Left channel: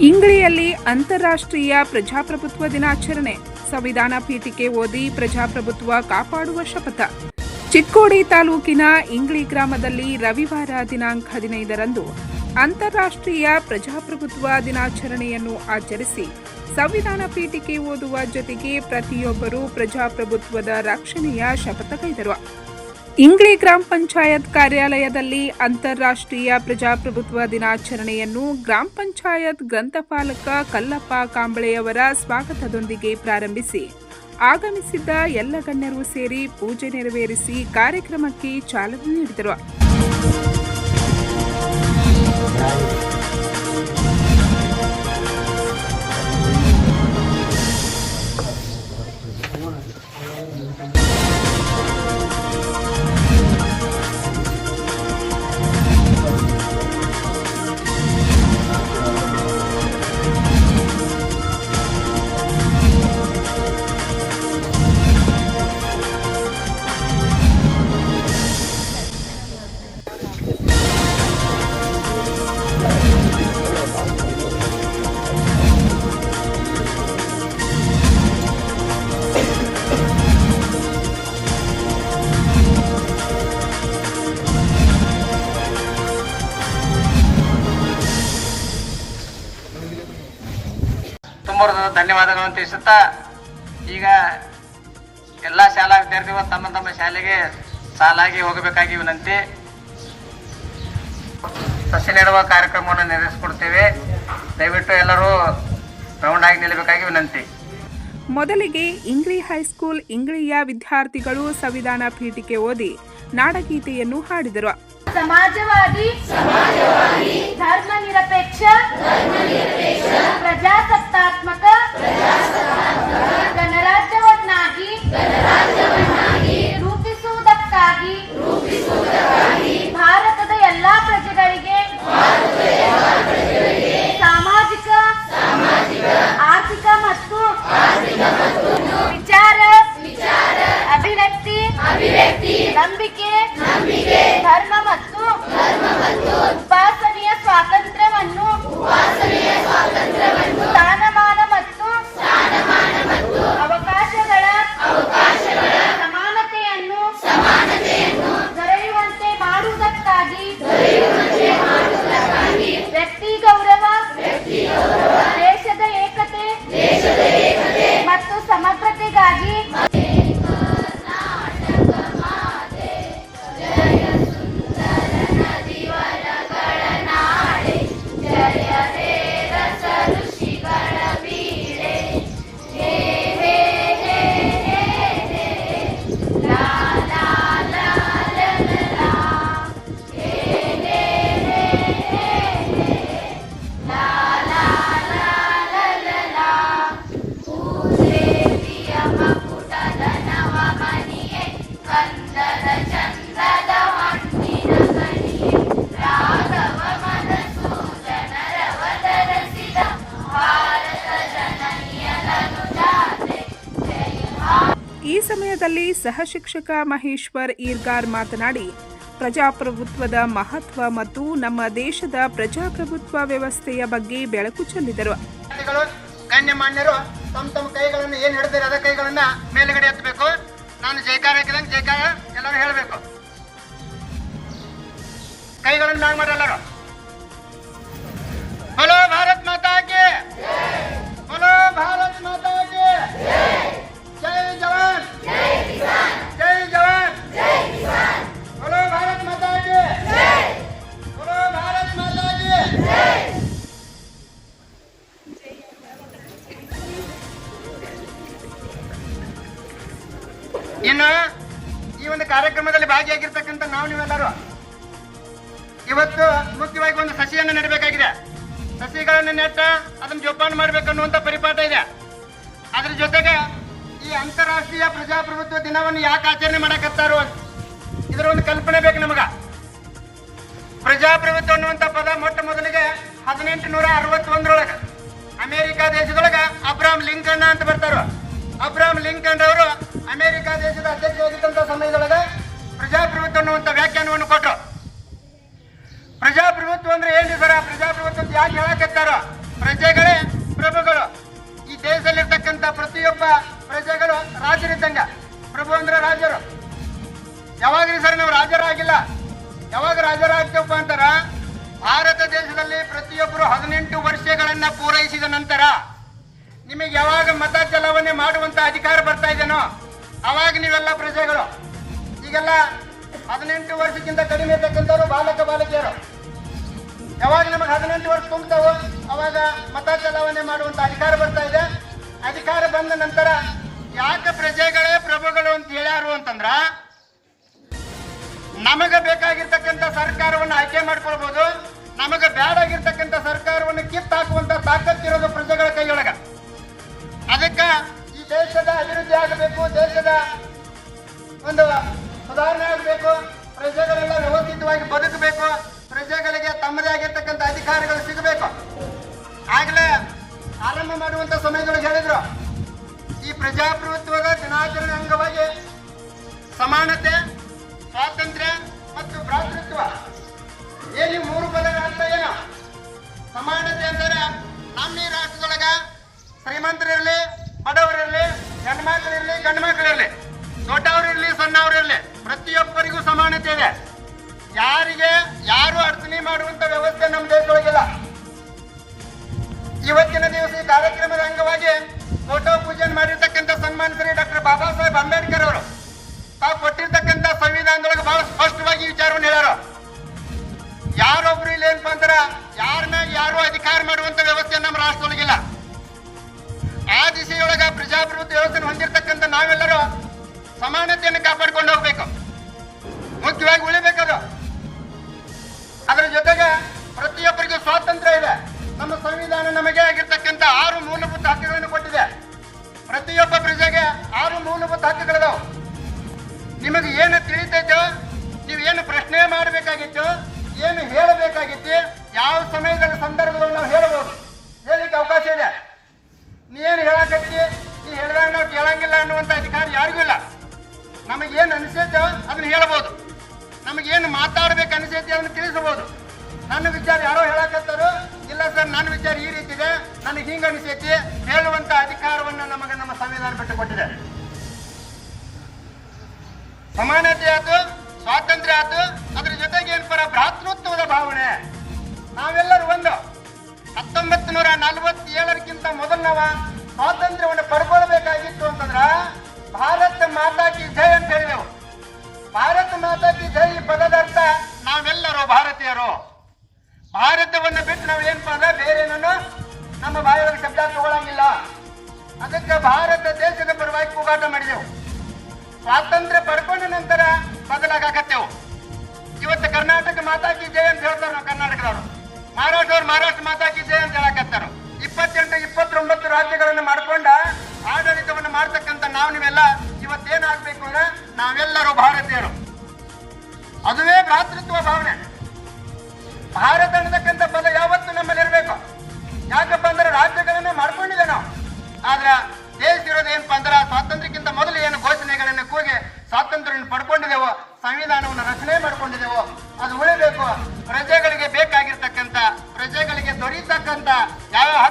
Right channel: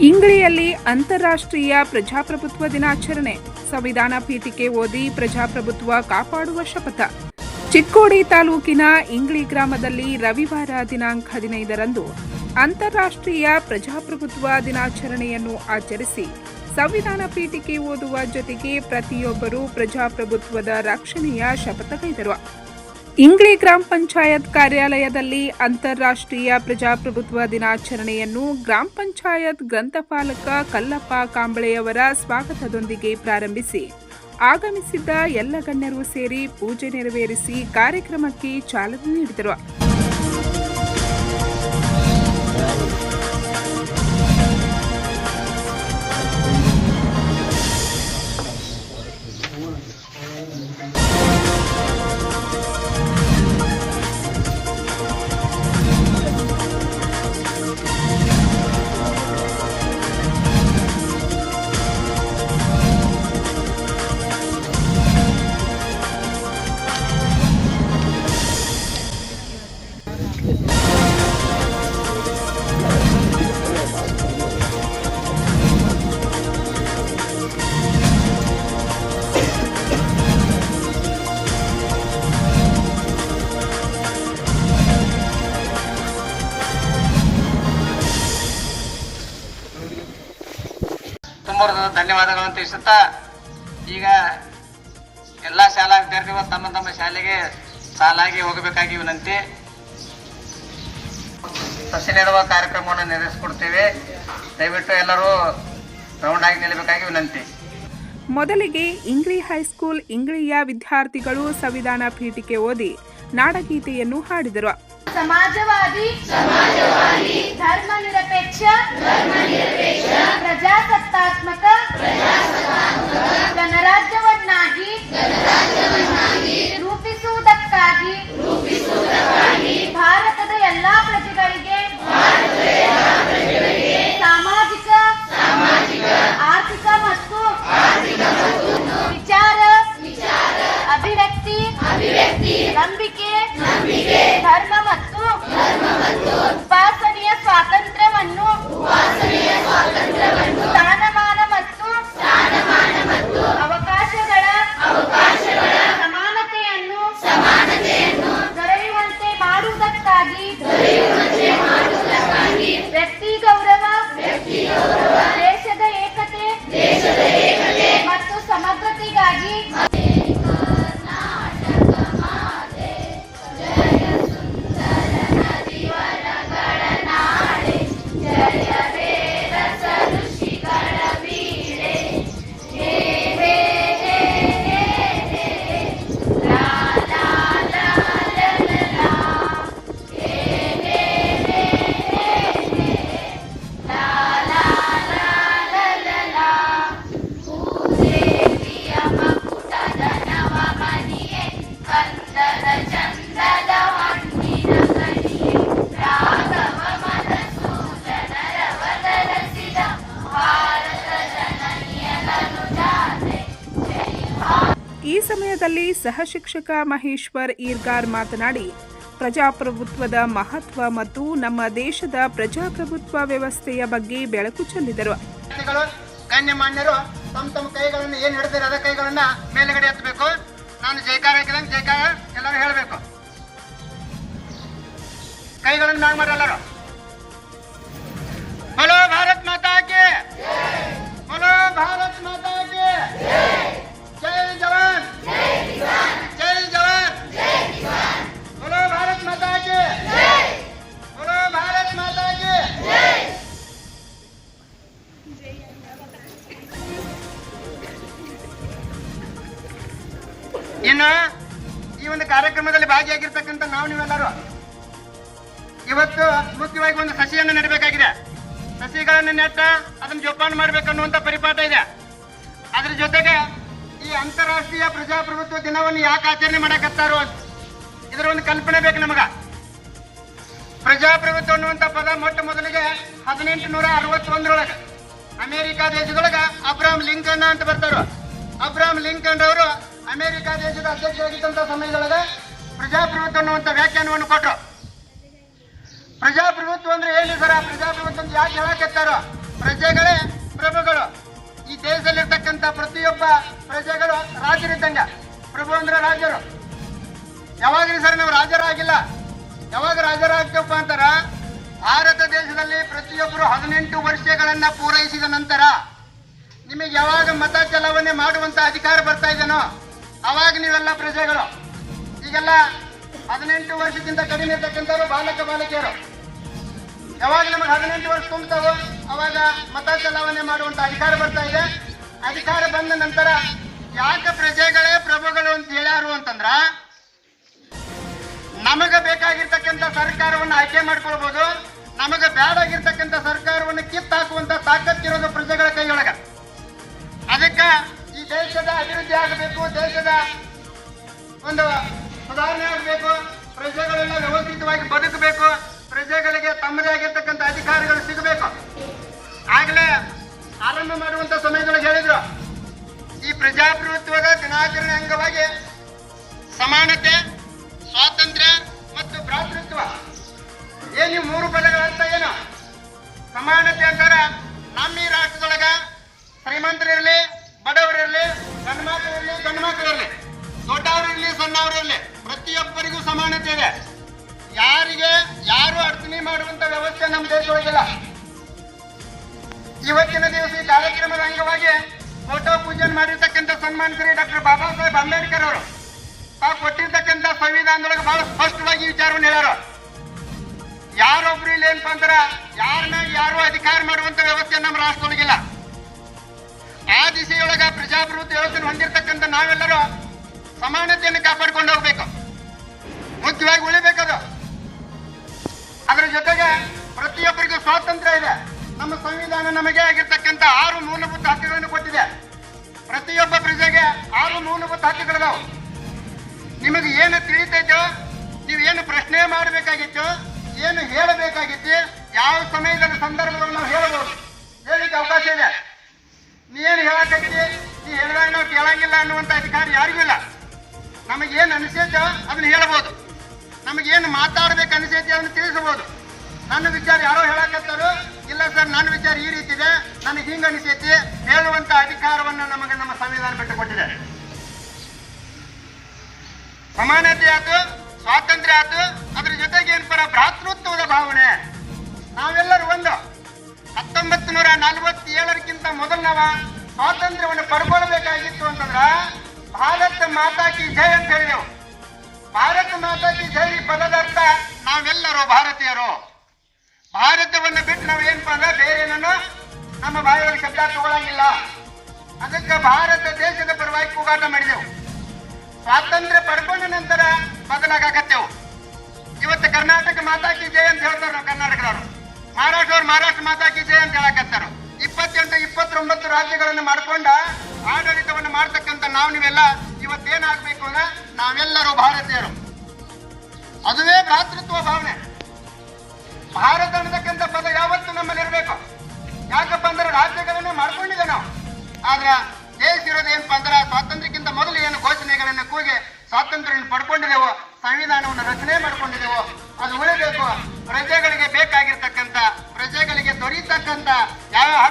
ಇಂಗ್ಲಿಯಲ್ಲಿ ಅಂತಾರಾಷ್ಟ್ರೀಯ ಪ್ರಜಾಪ್ರಭುತ್ವ ದಿನಾಚರಣೆ. ಸಂವಿಧಾನ ಪೀಠಿಕೆ ಓದಿ ಪ್ರಜಾಪ್ರಭುತ್ವ ಕಾಪಾಡುವ ಶಪಥ. ಚಿಕ್ಕೋಡಿ ತಾಲೂಕಿನ ಇಂಗ್ಳಿ ಗ್ರಾಮದಲ್ಲಿ ರವಿವಾರ ದಿನಾಂಕ ಹದಿನೈದರಂದು ಅಂತಾರಾಷ್ಟ್ರೀಯ ಪ್ರಜಾಪ್ರಭುತ್ವ ದಿನಾಚರಣೆಯನ್ನು ಆಚರಿಸಿ ಸಂವಿಧಾನ ಪೀಠಿಕೆ ಓದುವ ಜೊತೆಗೆ ಪ್ರತಿಯೊಬ್ಬರೂ ಪ್ರಜಾಪ್ರಭುತ್ವದ ರಕ್ಷಣೆಯ ಶಪಥಗೈದರು. ಇಂಗ್ಲಿ ಗ್ರಾಮ ಪಂಚಾಯತ್ ಕಾರ್ಯಾಲಯದಲ್ಲಿ ಅಂತಾರಾಷ್ಟ್ರೀಯ ಪ್ರಜಾಪ್ರಭುತ್ವ ದಿನಾಚರಣೆಯನ್ನು ಗ್ರಾಮ ಪಂಚಾಯತ್ ಗ್ರಂಥಪಾಲಕ ಕಲ್ಲಪ್ಪ ಕಾಂಬಳೆಯವರ ಸ್ವಾಗತದೊಂದಿಗೆ ಪ್ರಾರಂಭಿಸಿ. ಆಗಮಿಸಿದ್ದ ಎಲ್ಲ ಗಣ್ಯರು ಸೇರಿ ಪೂಜೆ ನೆರವೇರಿಸಿ ಕಾರ್ಯಕ್ರಮಕ್ಕೆ ಚಾಲನೆ ನೀಡಿದರು. ತುಂಬ ಧನ್ಯವಾದಗಳನ್ನು ತಿಳಿಸುತ್ತಾ ಈಗ ಎಲ್ಲ ಶಾಲಾ ವಿದ್ಯಾರ್ಥಿಗಳು ತಮ್ಮ ತಮ್ಮ ಶಾಲೆಗೆ ಸಾಲಾಗಿ ಹೋಗಬೇಕಾಗಿ ವಿನಂತಿ. ಸಸಿ ನೆಡುವ ಕಾರ್ಯಕ್ರಮವನ್ನು ನೆರವೇರಿಸಿಕೊಡ್ತೇವೆ. ದಯವಿಟ್ಟು ಎಲ್ಲರೂ ರೌಂಡ್ ಆಗಿ ನಿಲ್ಲಬೇಕಾಗಿ ವಿನಂತಿ. ಮೊದಲಿಗೆ ಇಂಗ್ಲಿ ಹೈಸ್ಕೂಲ್ ಇಂಗ್ಲಿಯ ವಿದ್ಯಾರ್ಥಿಗಳು ಸಂವಿಧಾನ ಪೀಠಿಕೆ ಓದಿ ನಾಡಗೀತೆಯನ್ನು ಹಾಡಿದರು. ಸಮಾಜವಾದಿ. ಸಮಾಜವಾದಿ. ಧರ್ಮ ನಿರಪೇಕ್ಷ. ಧರ್ಮ ನಿರಪೇಕ್ಷ. ಪ್ರಜಾಸತ್ತಾತ್ಮಕ. ಪ್ರಜಾಸತ್ತಾತ್ಮಕ. ಗಣರಾಜ್ಯವನ್ನಾಗಿ. ಗಣರಾಜ್ಯವನ್ನಾಗಿ. ಸಮಯದಲ್ಲಿ ಸಹ ಶಿಕ್ಷಕ ಮಹೇಶ್ವರ್ ಈರ್ಗಾರ್ ಮಾತನಾಡಿ, ಪ್ರಜಾಪ್ರಭುತ್ವದ ಮಹತ್ವ ಮತ್ತು ನಮ್ಮ ದೇಶದ ಪ್ರಜಾಪ್ರಭುತ್ವ ವ್ಯವಸ್ಥೆಯ ಬಗ್ಗೆ ಬೆಳಕು ಚೆಲ್ಲಿದರು. ಗಣ್ಯಮಾನ್ಯರು ತಮ್ಮ ತಮ್ಮ ಕೈಗಳನ್ನು ಏನ್ ಹಿಡಿದಿರ ಅದ ಕೈಗಳನ್ನ ಮೇಲ್ಗಡೆ ಎತ್ತಬೇಕು. ನಾನು ಜೈಕಾರ ಹಾಕಿದಂಗೆ ಜೈಕಾರ ಎಲ್ಲರೂ ಹೇಳಬೇಕು. ಕೈಗಳನ್ನು ಮ್ಯಾಗ ಮಾಡಿ ಎಲ್ಲರೂ. ಹಲೋ, ಭಾರತ್ ಮಾತಾ ಹಲೋ, ಭಾರತ್ ಮಾತಾ ನೀವೆಲ್ಲರೂ ಇವತ್ತು ಮುಖ್ಯವಾಗಿ ಒಂದು ಸಸಿಯನ್ನು ನೆಡಬೇಕಾಗಿದೆ. ಸಸಿಗಳನ್ನು ನೆಟ್ಟ ಅದನ್ನು ಜೋಪಾನ ಮಾಡಬೇಕನ್ನುವಂತ ಪರಿಪಾಠ ಇದೆ. ಅದ್ರ ಜೊತೆಗೆ ಈ ಅಂತಾರಾಷ್ಟ್ರೀಯ ಪ್ರಜಾಪ್ರಭುತ್ವ ದಿನವನ್ನು ಯಾಕೆ ಆಚರಣೆ ಮಾಡಕತ್ತಾರೋ ಇದರ ಒಂದು ಕಲ್ಪನೆ ಬೇಕು ನಮಗ. ಪ್ರಜಾಪ್ರಭುತ್ವ ಅನ್ನುವಂಥ ಪದ ಮೊಟ್ಟ ಮೊದಲಿಗೆ ಹದಿನೆಂಟು ನೂರ ಅರವತ್ತೊಂದರೊಳಗೆ ಅಮೆರಿಕ ದೇಶದೊಳಗ ಅಬ್ರಾಮ್ ಲಿಂಕನ್ ಅಂತ ಬರ್ತಾರ. ಅಬ್ರಾಮ್ ಲಿಂಕನ್ ಅವರು ಅಮೆರಿಕ ದೇಶದ ಅಧ್ಯಕ್ಷರಾಗಿದ್ದಂಥ ಸಮಯದೊಳಗೆ ಪ್ರಜಾಪ್ರಭುತ್ವ ಅನ್ನುವಂಥ ವ್ಯಾಖ್ಯಾನವನ್ನು ಕೊಟ್ಟರು ಪ್ರಜಾಪ್ರಭುತ್ವ ಅಂದ್ರೆ ಹೇಳಿ ಸರ ಪ್ರಜಾಪ್ರಭುತ್ವ ಅಂತ ಯಾಕೆ ಹೇಳಕತ್ತಾರ? ಪ್ರಜೆಗಳೇ ಪ್ರಭುಗಳು. ಈ ದೇಶದಲ್ಲಿರ್ತಕ್ಕಂಥ ಪ್ರತಿಯೊಬ್ಬ ಪ್ರಜೆಗಳು ರಾಜರಿದ್ದಂಗ. ಪ್ರಭು ಅಂದ್ರೆ ರಾಜರು. ಯಾವಾಗಲೂ ಸರ್ ನಾವು ರಾಜರಾಗಿಲ್ಲ. ಯಾವಾಗ ರಾಜರಾಗ್ತೇವಪ್ಪ ಅಂತಾರ? ಭಾರತ ದೇಶದಲ್ಲಿ ಪ್ರತಿಯೊಬ್ಬರು ಹದಿನೆಂಟು ವರ್ಷಗಳನ್ನ ಪೂರೈಸಿದ ನಂತರ ನಿಮಗೆ ಯಾವಾಗ ಮತ ಚಲಾವಣೆ ಮಾಡುವಂತ ಅಧಿಕಾರ ಬರ್ತಾ ಇದೇನೋ ಅವಾಗ ನೀವೆಲ್ಲ ಪ್ರಜೆಗಳು. ಈಗೆಲ್ಲ ಹದಿನೆಂಟು ವರ್ಷಕ್ಕಿಂತ ಕಡಿಮೆ ಇರ್ತಕ್ಕಂಥವ್ರು ಬಾಲಕ ಬಾಲಕಿಯರು. ಯಾವಾಗ ನಮಗೆ ಹದಿನೆಂಟು ವರ್ಷ ತುಂಬ್ತಾವೋ ಅವಾಗ ಮತ ಚಲಾವಣೆ ಮಾಡುವಂತ ಅಧಿಕಾರ ಬರ್ತಾ ಇದೆ. ಅಧಿಕಾರ ಬಂದ ನಂತರ ಯಾಕೆ ಪ್ರಜೆಗಳೇ ಪ್ರಭುಗಳು ಅಂತ ಹೇಳ್ಯಾರು ಅಂತಂದ್ರ, ನಮಗೆ ಬೇಕಾಗಿರ್ತಕ್ಕಂಥ ಸರ್ಕಾರವನ್ನು ಆಯ್ಕೆ ಮಾಡ್ಕೊಳ್ಬಹುದು ನಮಗೆ ಬೇಡಾಗಿರ್ತಕ್ಕಂಥ ಸರ್ಕಾರವನ್ನು ಕಿತ್ತಾಕುವಂತ ತಾಕತ್ತಿರೋದು ಪ್ರಜೆಗಳ ಕೈಯೊಳಗ. ಅದಕ್ಕ ಈ ದೇಶದ ಅಭಿವೃದ್ಧಿ ಆಗಬೇಕು, ದೇಶದ ಒಂದು ಸುಧಾರಣೆ ಆಗಬೇಕು, ಪ್ರಜೆಗಳೆಲ್ಲ ವ್ಯವಸ್ಥಿತವಾಗಿ ಬದುಕಬೇಕು, ಪ್ರಜೆಗಳಿಗೆ ತಮ್ಮದೇ ಆಗಿರ್ತಕ್ಕಂಥ ಅಧಿಕಾರಿಗಳು ಸಿಗಬೇಕು. ಆಗಲೇ ಆರಂಭ ಮಾಡುವಂತ ಸಮಯದೊಳಗೆ ಹೇಳಿದ್ರು. ಈ ಪ್ರಜಾಪ್ರಭುತ್ವದ ದಿನಾಚರಣೆ ಅಂಗವಾಗಿ ಸಮಾನತೆ, ಸ್ವಾತಂತ್ರ್ಯ ಮತ್ತು ಭ್ರಾತೃತ್ವ ಏನು ಮೂರು ಪದಗಳಂತ ಏನು? ಸಮಾನತೆ ಅಂತಾರ ನಮ್ಮ ಈ ರಾಷ್ಟ್ರದೊಳಗ ಶ್ರೀಮಂತರಿರಲಿ, ಬಡವರಿರಲಿ ಗಂಡು ಮಕ್ಕಳಿರಲಿ ಗಂಡು ಮಕ್ಕಳಿರಲಿ ದೊಡ್ಡವರಿರಲಿ, ಸಣ್ಣವರಿರ್ಲಿ. ಪ್ರತಿಯೊಬ್ಬರಿಗೂ ಸಮಾನತೆ ಇದೆ ಯಾರಿಗೆ, ಯಾರು ಅರ್ಚನೆ ಮಾಡುವಂತ ವ್ಯವಸ್ಥೆ ನಮ್ಮ ದೇಶದೊಳಗಿಲ್ಲ. ಇವತ್ತಿನ ದಿವಸ ಈ ಕಾರ್ಯಕ್ರಮದ ಅಂಗವಾಗಿ ಫೋಟೋ ಪೂಜೆ ಮಾಡಿರ್ತಕ್ಕಂಥ ಸನ್ಮಾನಿತರಿ ಡಾಕ್ಟರ್ ಬಾಬಾ ಸಾಹೇಬ್ ಅಂಬೇಡ್ಕರ್ ಅವರು. ತಾವು ಕೊಟ್ಟಿರ್ತಕ್ಕಂಥ ಸಂವಿಧಾನದೊಳಗೆ ಬಹಳ ಸ್ಪಷ್ಟವಾಗಿ ವಿಚಾರವನ್ನು ಹೇಳ್ಯಾರ. ಯಾರೊಬ್ರು ಇಲ್ಲಿ ಏನಪ್ಪ ಅಂದ್ರ ಯಾರ ಮ್ಯಾಗ ಯಾರು ಅಧಿಕಾರ ಮಾಡುವಂತ ವ್ಯವಸ್ಥೆ ನಮ್ಮ ರಾಷ್ಟ್ರದೊಳಗಿಲ್ಲ. ಆ ದಿಸೆಯೊಳಗ ಪ್ರಜಾಪ್ರಭುತ್ವ ವ್ಯವಸ್ಥೆ ಹೊಂದಿರತಕ್ಕಂಥ ನಾವೆಲ್ಲರೂ ಸಮಾನತೆಯನ್ನು ಕಾಪಾಡ್ಕೊಂಡು ಹೋಗ್ಬೇಕು. ಮುಖ್ಯವಾಗಿ ಉಳಿಬೇಕದು. ಅದರ ಜೊತೆಗೆ ಪ್ರತಿಯೊಬ್ಬರಿಗೂ ಸ್ವಾತಂತ್ರ್ಯ ಇದೆ. ನಮ್ಮ ಸಂವಿಧಾನ ನಮಗೆ ಆಗಿರ್ತಕ್ಕಂಥ ಆರು ಮೂಲಭೂತ ಹಕ್ಕುಗಳನ್ನು ಕೊಟ್ಟಿದೆ. ಪ್ರತಿಯೊಬ್ಬ ಪ್ರಜೆಗೆ ಆರು ಮೂಲಭೂತ ಹಕ್ಕುಗಳು ನಿಮಗೆ ಏನು ತಿಳಿತೈತೋ, ನೀವು ಏನು ಪ್ರಶ್ನೆ ಮಾಡಬೇಕಾಗಿತ್ತು, ಏನು ಹೇಳಬೇಕಾಗಿತ್ತು, ಯಾವ ಸಮಯದಲ್ಲಿ ಸಂದರ್ಭದಲ್ಲಿ ನಾವು ಹೇಳಬಹುದು ಹೇಳಿಕ್ಕೆ ಅವಕಾಶ ಇದೆ. ನೀ ಏನು ಹೇಳಕತ್ತಿ, ನೀ ಹೇಳಿದಾಗ ನಾವು ಕೇಳಂಗಿಲ್ಲ ಅನ್ನುವಂಥ ಅಧಿಕಾರ ಯಾರಿಗೂ ಇಲ್ಲ. ನಮಗೇನು ಅನಿಸೈತೋ ಅದನ್ನ ಹೇಳ್ಬೋದು ನಮಗೇನು ಮಾತಾಡ್ಬೇಕು ಅನಿಸೈತಿ ಅದನ್ನು ತಿಳಿಸಬಹುದು ನನ್ನ ವಿಚಾರ ಯಾರೋ ಹೇಳಕತ್ತಾರೋ, ಇಲ್ಲ ಸರ್, ನನ್ನ ವಿಚಾರ ಈ ರೀತಿ ಇದೆ, ನನಗೆ ಹಿಂಗ ಅನಿಸೈತಿ ಹೇಳುವಂತ ಅಧಿಕಾರವನ್ನು ನಮಗೆ ನಮ್ಮ ಸಂವಿಧಾನ ಬಿಟ್ಟುಕೊಟ್ಟಿದೆ ಸಮಾನತೆ ಆಯ್ತು, ಸ್ವಾತಂತ್ರ್ಯ ಆಯ್ತು, ಅದ್ರ ಜೊತೆಗೆ ಏನಪ್ಪರ ಭ್ರಾತೃತ್ವದ ಭಾವನೆ? ನಾವೆಲ್ಲರೂ ಒಂದು. ಹತ್ತೊಂಬತ್ತು ನೂರ ನಲವತ್ತೇಳರಕ್ಕಿಂತ ಮೊದಲು ನಾವು ಸ್ವಾತಂತ್ರ್ಯವನ್ನು ಪಡ್ಕೊಳ್ಬೇಕಾಗಿತ್ತು ಅಂತಂದ್ರ, ಭಾರತ ಮಾತಾಕಿ ಜಯ ಅಂತ ಹೇಳಿದೆವು ಭಾರತ ಮಾತಾ ಕಿ ಜೈ ಪದದ ಅರ್ಥ ನಾವೆಲ್ಲರೂ ಭಾರತೀಯರು. ಭಾರತವನ್ನು ಬಿಟ್ಟು ನಾವು ಏನಪ್ಪಾ ಅಂದ್ರೆ ಬೇರೆ ಏನನ್ನು? ನಮ್ಮ ಬಾಯಿಯಲ್ಲಿ ಶಬ್ದ ತಗೊಳಂಗಿಲ್ಲ. ಅದಕ್ಕೆ ಭಾರತ ದೇಶದ ಪರವಾಗಿ ಕೂಗಾಟ ಮಾಡಿದೆವು. ಸ್ವಾತಂತ್ರ್ಯ ಪಡ್ಕೊಂಡ ನಂತರ ಬದಲಾಗತ್ತೆವು ಇವತ್ತು ಕರ್ನಾಟಕ ಮಾತಾಕಿ ಜಯ ಅಂತ ಹೇಳ್ತಾರೆ ನಾವು ಕರ್ನಾಟಕದವರು. ಮಹಾರಾಷ್ಟ್ರವ್ರು ಮಹಾರಾಷ್ಟ್ರ ಮಾತಾಕಿ ಜಯ ಅಂತ ಹೇಳಕತ್ತಾರ. ಇಪ್ಪತ್ತೆಂಟು, ಇಪ್ಪತ್ತೊಂಬತ್ತು ರಾಜ್ಯಗಳನ್ನು ಮಾಡ್ಕೊಂಡ ಆಡಳಿತವನ್ನು ಮಾಡ್ತಕ್ಕಂಥ ನಾವು ನೀವೆಲ್ಲ, ಇವತ್ತೇನಾಗಬೇಕು ಅಂದ್ರೆ ನಾವೆಲ್ಲರೂ ಭಾರತೀಯರು. ಅದುವೇ ಭ್ರಾತೃತ್ವ ಭಾವನೆ. ಭಾರತ ಅನ್ನತಕ್ಕಂಥ ಪದ ಯಾವತ್ತು ನಮ್ಮಲ್ಲಿರಬೇಕು. ಯಾಕಪ್ಪ ಅಂದ್ರೆ ರಾಜ್ಯಗಳನ್ನೇ ಮಾಡ್ಕೊಂಡಿದೆ ನಾವು. ಆದ್ರೆ ದೇಶ ಇರೋದು ಏನಪ್ಪ ಅಂದ್ರೆ ಸ್ವಾತಂತ್ರ್ಯಕ್ಕಿಂತ ಮೊದಲು ಏನು ಘೋಷಣೆಗಳನ್ನು ಕೂಗಿ ಸ್ವಾತಂತ್ರ್ಯವನ್ನು ಪಡ್ಕೊಂಡಿದೆವು, ಸಂವಿಧಾನವನ್ನು ರಚನೆ ಮಾಡ್ಕೊಂಡಿದೆವು, ಅದು ಉಳಿಬೇಕು. ಪ್ರಜೆಗಳಿಗೆ ಬೇಕಾಗಿರ್ತಕ್ಕಂಥ, ಪ್ರಜೆಗಳಿಗೆ ದೊರೀತಕ್ಕಂಥ ಯಾವ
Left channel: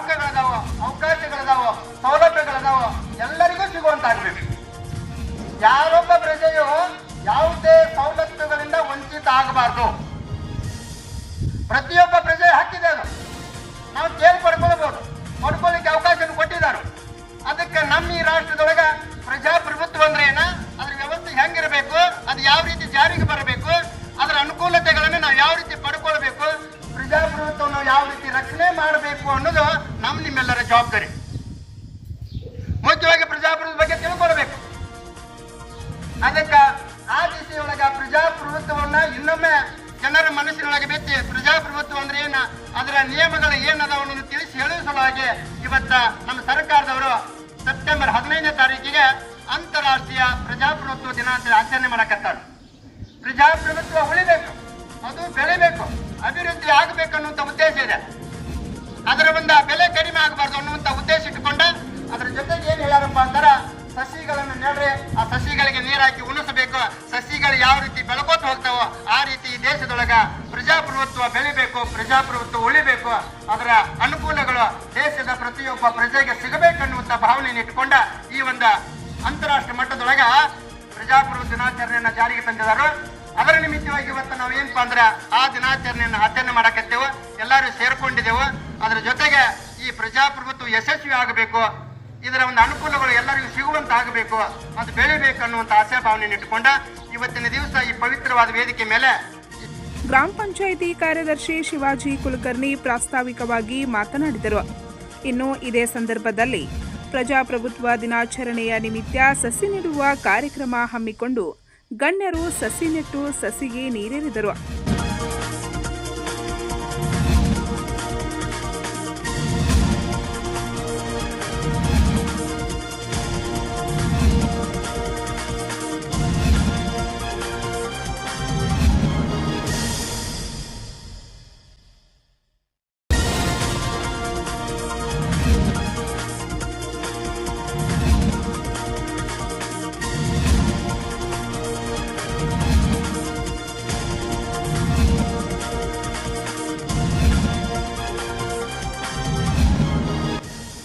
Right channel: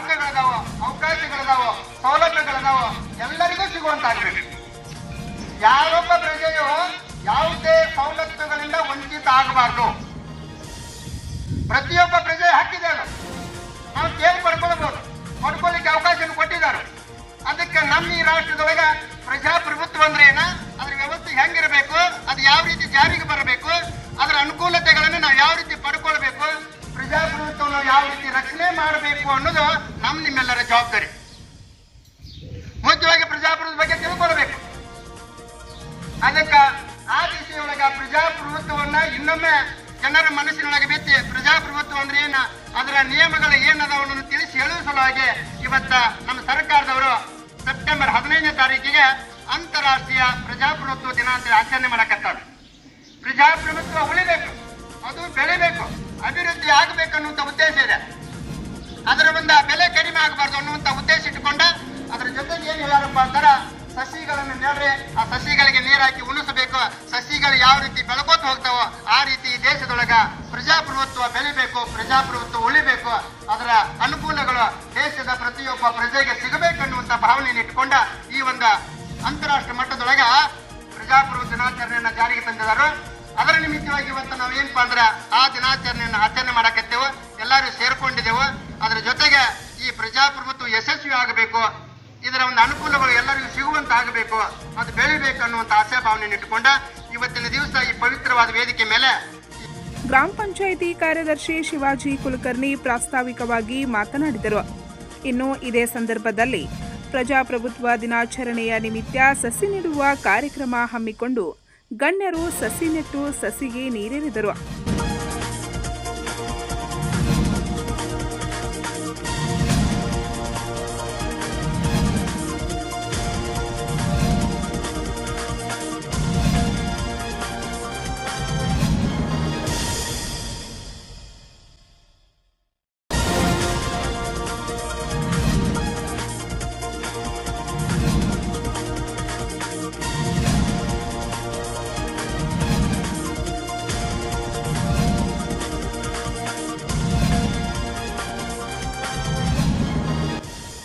ಪ್ರತಿಯೊಬ್ಬ ಪ್ರಜೆ ಹಕ್ಕಿದೆ ಅದು ನಾವು ಕೇಳಿ ಪಡ್ಕೊಳ್ಬಹುದು ಪಡ್ಕೊಳ್ಳಿಕ್ಕೆ ಅವಕಾಶ ಕೊಟ್ಟಿದ್ದಾರೆ. ಅದಕ್ಕೆ ನಮ್ಮ ಈ ರಾಷ್ಟ್ರದೊಳಗ ಪ್ರಜಾಪ್ರಭುತ್ವ ಅಂದ್ರೆ ಏನ? ಅದ್ರ ವ್ಯವಸ್ಥೆ ಹೆಂಗಿರಬೇಕು? ಅದು ಯಾವ ರೀತಿ ಜಾರಿಗೆ ಬರಬೇಕು? ಅದರ ಅನುಕೂಲತೆಗಳನ್ನು ನಾವು ಯಾವ ರೀತಿ ಪಡ್ಕೊಳ್ಬೇಕು? ಪ್ರಜಾಪ್ರಭುತ್ವವನ್ನು ಯಾವ ರೀತಿ ರಕ್ಷಣೆ ಮಾಡಬೇಕು ಅನ್ನೋದು ನಮ್ಮ ನಿಮ್ಮೆಲ್ಲರ ಜವಾಬ್ದಾರಿ. ಮುಖ್ಯವಾಗಿ ಪ್ರಜಾಪ್ರಭುತ್ವ ಬಗ್ಗೆ ತಿಳ್ಕೊಳ್ಬೇಕು. ಅದಕ್ಕೆ ಆ ದಿಸೆಯೊಳಗ ಪ್ರಜಾಪ್ರಭುತ್ವವನ್ನ ಇನ್ನೊಮ್ಮೆ ಜನರ ಮನಸ್ಸಿನೊಳಗೆ ಬಿತ್ತಿ ಪ್ರಜಾಪ್ರಭುತ್ವ ಅಂದ್ರೆ ಏನ? ಅದರ ನಿಯಮಗಳು ಏನದವನ್ನು ತಿಳಿಸಿ ಹೇಳುವ ಸಲುವಾಗಿ ಇವತ್ತ ನಮ್ಮ ಸರ್ಕಾರದವರು ಸೆಪ್ಟೆಂಬರ್ ಹದಿನೈದನೇ ತಾರೀಕಿಗೆ ಅಂತಾರಾಷ್ಟ್ರೀಯ ಪ್ರಜಾಪ್ರಭುತ್ವ ದಿನ ಅಂತ ಆಚರಣೆ ಮಾಡಕತ್ತಾರೆ. ಪ್ರಜಾಪ್ರಭುತ್ವ ಉಳಿಬೇಕು, ಅದು ಬೆಳಿಬೇಕು, ಅಭಿವೃದ್ಧಿ ಆಗಬೇಕು ಅನ್ನುವಂಥ ಉದ್ದೇಶ ಇದೆ. ಅದರ ಒಂದು ಬೆಲೆ ಕಡಿಮೆ ಆಗಬಾರ್ದು ಅನ್ನುವಂಥ ಉದ್ದೇಶ ಇಟ್ಟುಕೊಂಡ, ಅದರ ಜೊತೆಗೆ ಏನು ಹೇಳ್ಯಾರಪ್ಪ ಅಂತಾರ ಸಸಿಗಳನ್ನು ನೆಡ್ರೆ, ಆ ಸಸಿಗಳಿಗೆ ನೀರು ಹಾಕಿ ಉಣಿಸಬೇಕು. ಸಸಿಗಳು ಯಾವ ರೀತಿ ಬೆಳಕೋತ ಹೋಗ್ತಾವೋ ಆ ರೀತಿ ಈ ದೇಶದೊಳಗ ಪ್ರಜಾಪ್ರಭುತ್ವ ಬೆಳಿಬೇಕು, ಪ್ರಜಾಪ್ರಭುತ್ವ ಉಳಿಬೇಕು. ಅದರ ಅನುಕೂಲಗಳು ದೇಶದ ಪ್ರತಿಯೊಬ್ಬ ಪ್ರಜೆಗೆ ಸಿಗಬೇಕನ್ನುವಂತ ಭಾವನೆಯನ್ನು ಇಟ್ಕೊಂಡ ಈ ಒಂದು ಅಂತಾರಾಷ್ಟ್ರ ಮಟ್ಟದೊಳಗ ಪ್ರಜಾಪ್ರಭುತ್ವ ದಿನಾಚರಣೆಯನ್ನು ಜಾರಿಗೆ ತಂದಿದ್ದಾರೆ. ಅದರ ನಿಮಿತ್ತವಾಗಿ ಇವತ್ತು ನಾವು ಏನಪ್ಪಾ ಅಂದ್ರೆ ಆ ದಿನಾಚರಣೆಯನ್ನು ಆಚರಣೆ ಮಾಡಕತ್ತೇವೆ. ಎಲ್ಲರೂ ಸೇರ್ಕೊಂಡಿದ್ದೆವು. ಅದರ ಜೊತೆಗೆ ಈ ಪ್ರಜಾಪ್ರಭುತ್ವ ಯಶಸ್ವಿ ಆಗಬೇಕು. ಇದರ ಒಂದು ಅನುಕೂಲಗಳು ಎಲ್ಲರಿಗೂ ಸಿಗುವಂತ ಆಗಬೇಕು, ಅದು ಬೆಳಿಬೇಕು ಅನ್ನುವಂತ ಆಸೆ ಭಾವನೆ ಇಟ್ಟುಕೊಂಡ ಇವತ್ತಿನ ದಿವಸ ಈ ಪವಿತ್ರವಾದ ವೇದಿಕೆ ಮೇಲೆ ಗ್ರಾಮ ಪಂಚಾಯಿತಿ ಕಾರ್ಯದರ್ಶಿ ಶಿವಾಜಿ ಕುಲಕರ್ಣಿ ಪ್ರಾಸ್ತಾವಿಕವಾಗಿ ಮಾತನಾಡಿದರು. ಇನ್ನು ಇದೇ ಸಂದರ್ಭದಲ್ಲಿ ಪ್ರಜಾಪ್ರಭುತ್ವ ದಿನಾಚರಣೆಯ ನಿಮಿತ್ತ ಸಸಿ ನೆಡುವ ಕಾರ್ಯಕ್ರಮ ಹಮ್ಮಿಕೊಂಡು ಗಣ್ಯರು ಸಸಿ ನೆಟ್ಟು ಸಸಿಗೆ ನೀರೆರೆದರು.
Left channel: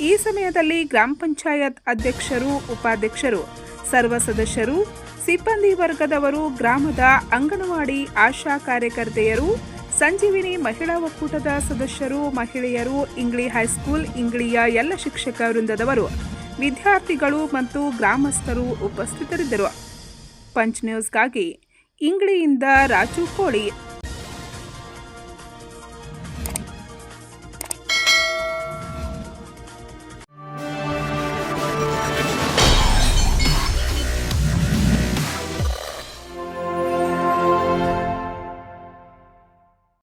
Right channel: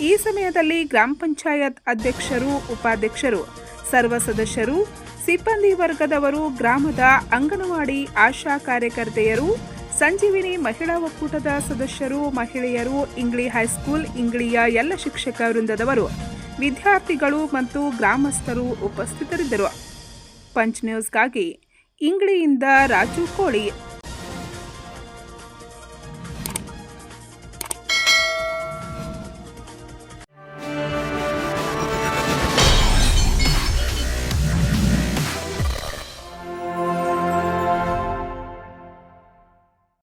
ಈ ಸಮಯದಲ್ಲಿ ಗ್ರಾಮ ಪಂಚಾಯತ್ ಅಧ್ಯಕ್ಷರು, ಉಪಾಧ್ಯಕ್ಷರು, ಸರ್ವ ಸದಸ್ಯರು, ಸಿಬ್ಬಂದಿ ವರ್ಗದವರು, ಗ್ರಾಮದ ಅಂಗನವಾಡಿ ಆಶಾ ಕಾರ್ಯಕರ್ತೆಯರು, ಸಂಜೀವಿನಿ ಮಹಿಳಾ ಒಕ್ಕೂಟದ ಸದಸ್ಯರು, ಮಹಿಳೆಯರು, ಇಂಗ್ಲಿ ಹೈಸ್ಕೂಲ್, ಇಂಗ್ಲಿಯ ಎಲ್ಲ ಶಿಕ್ಷಕ ವೃಂದದವರು, ವಿದ್ಯಾರ್ಥಿಗಳು ಮತ್ತು ಗ್ರಾಮಸ್ಥರು ಉಪಸ್ಥಿತರಿದ್ದರು. ಪಂಚ್ ನ್ಯೂಸ್ಗಾಗಿ ಇಂಗ್ಲಿಯಿಂದ ರಾಜು ಕೋಳಿ